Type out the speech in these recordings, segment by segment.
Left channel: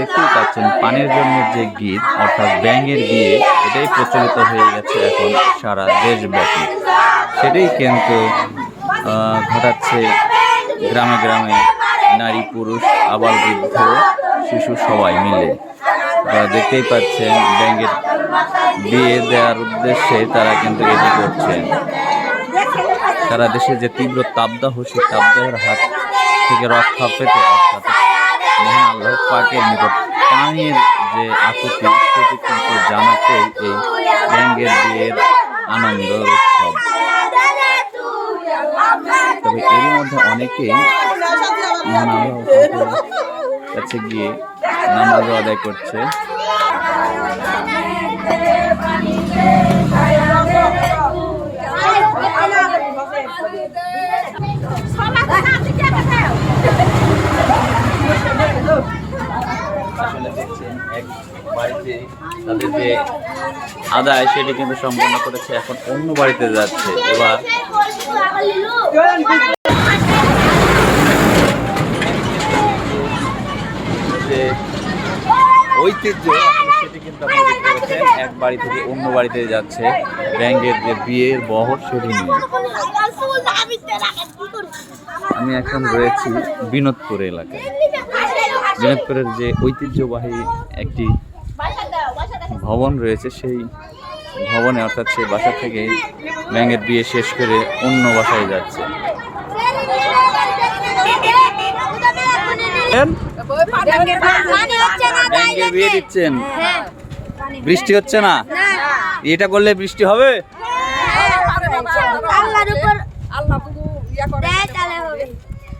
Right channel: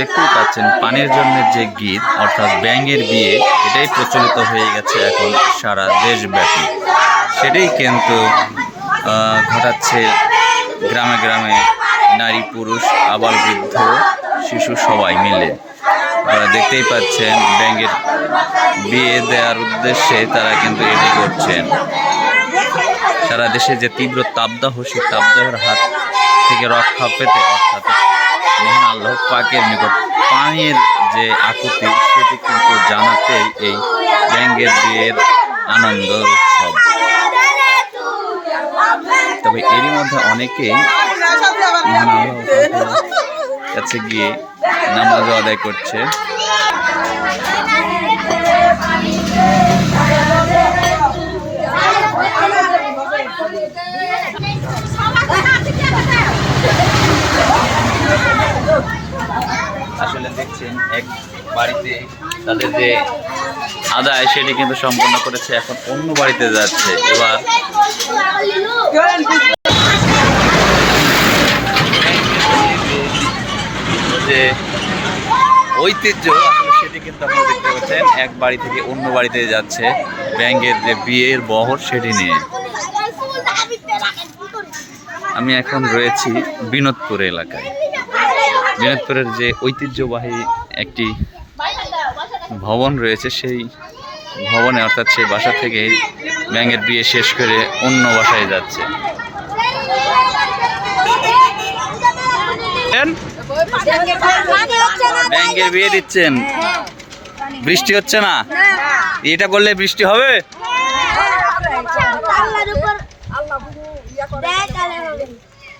দেখতেই পাচ্ছেন, পানির জন্য যে গীত, অর্থাৎ ব্যাঙের বিয়ে, এটাই প্রচলিত হয়ে গেছে এখন সারা দেশব্যাপী। সেটাই কিন্তু ঘটাচ্ছে গ্রামে গ্রামে নারী, পুরুষ আবার বৃদ্ধ, শিশু সবাই মিলে। আপনারা দেখতেই পাচ্ছেন, ব্যাঙের বিয়ে দেওয়ার উদ্দেশ্যে তারা কিন্তু এটি করছেন। সারা দেশে যে তীব্র তাপদাহ, সেই তাপদাহের হাত থেকে রক্ষা পেতে অর্থাৎ মহান আল্লাহ পাকের নিকট পানির যে আকুতি, সেটি কিন্তু জানাতেই এই ব্যাঙ্গের বিয়ের আনন্দ উৎসব। তবে এরই মধ্যে অনেকেই মহান আল্লাহ কাছে গিয়ে নামাজ আদায় করছে। এক বাড়িতে তাদের যে আদায় সেটি কিন্তু সম্পন্ন করেছে, এখন অন্য বাড়িতে যাচ্ছে। এবার যে ঐতিহ্য, আসলে সেটি কিন্তু আপনারা দেখতে পাচ্ছেন, এক বাড়ি থেকে অন্য বাড়িতে যাচ্ছে। ব্যাঙ্গের যে বিয়ের বহর সেটি নিয়ে। আমি এখন রয়েছি বিনোদপুর এলাকায়। বিনোদপুরের যে ঐতিহ্যবাহী একটি ভবন রয়েছে, সেই ভবনে অর্থাৎ সেই বাসা থেকে ব্যাঙের বিয়ে শেষ করে অন্য বাসায় যাচ্ছে। ব্যাঙের বিয়ে দিচ্ছেন? বৃষ্টি হচ্ছে না? এটা করলে বৃষ্টি হবে?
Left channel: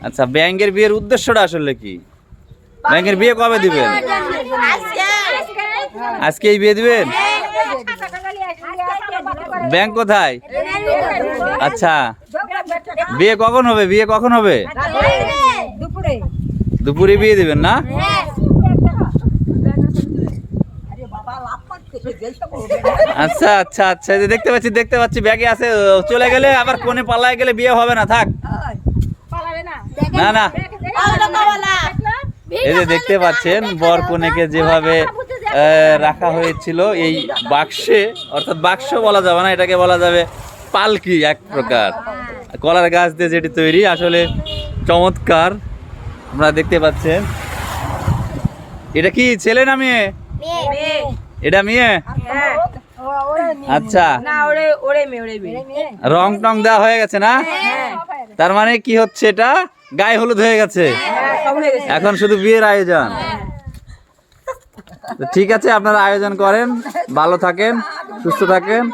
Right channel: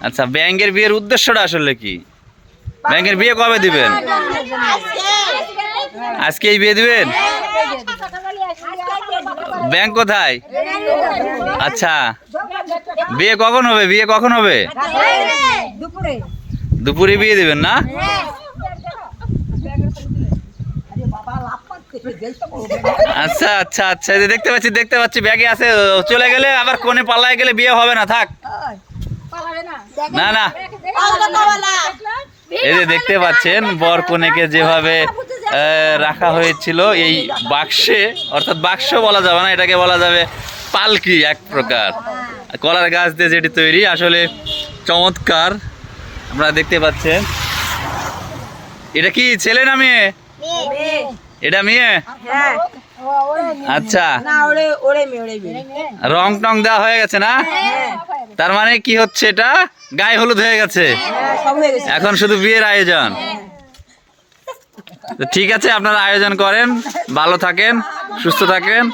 আচ্ছা ব্যাঙের বিয়ের উদ্দেশ্যটা আসলে কি? ব্যাঙের বিয়ে কবে দিবেন? আজকেই বিয়ে দিবেন? ব্যাংক কোথায়? আচ্ছা। বিয়ে কখন হবে? বিয়ে কখন হবে? দুপুরে দুপুরে বিয়ে দিবেন না? আচ্ছা আচ্ছা আচ্ছা। যে দেখতে পাচ্ছি দেখতে পাচ্ছি ব্যাগে আছে। ও চলে গেলে আবার কোনে পাল্লায় গেলে বিয়ে হবে না থাক। না। না। এই যে দেখতে পাচ্ছেন বর কনেকে যেভাবে রাখা হয়েছিল এই বাক্সে অর্থাৎ বাক্স বলা যাবে না এটাকে বলা যাবে পালকি এক প্রকার। কলার গাছ দিয়ে যেটি তৈরি আসলে চমৎকার। আপনারা দেখতে পাচ্ছেন। এটা কি ছেলে না মেয়ে? এটা মেয়ে? আচ্ছা। ওরে মেয়ে রং টং দেওয়া হয়ে গেছে না? তার মানে কি হচ্ছে এটা? গায়ে হলুদ হয়ে গেছে। হয়ে। গেছে এখন শুধু বিয়ের আয়োজন। ঠিক আছে আপনারা আয়োজন করেন ভালো থাকেন সুস্থ থাকেন।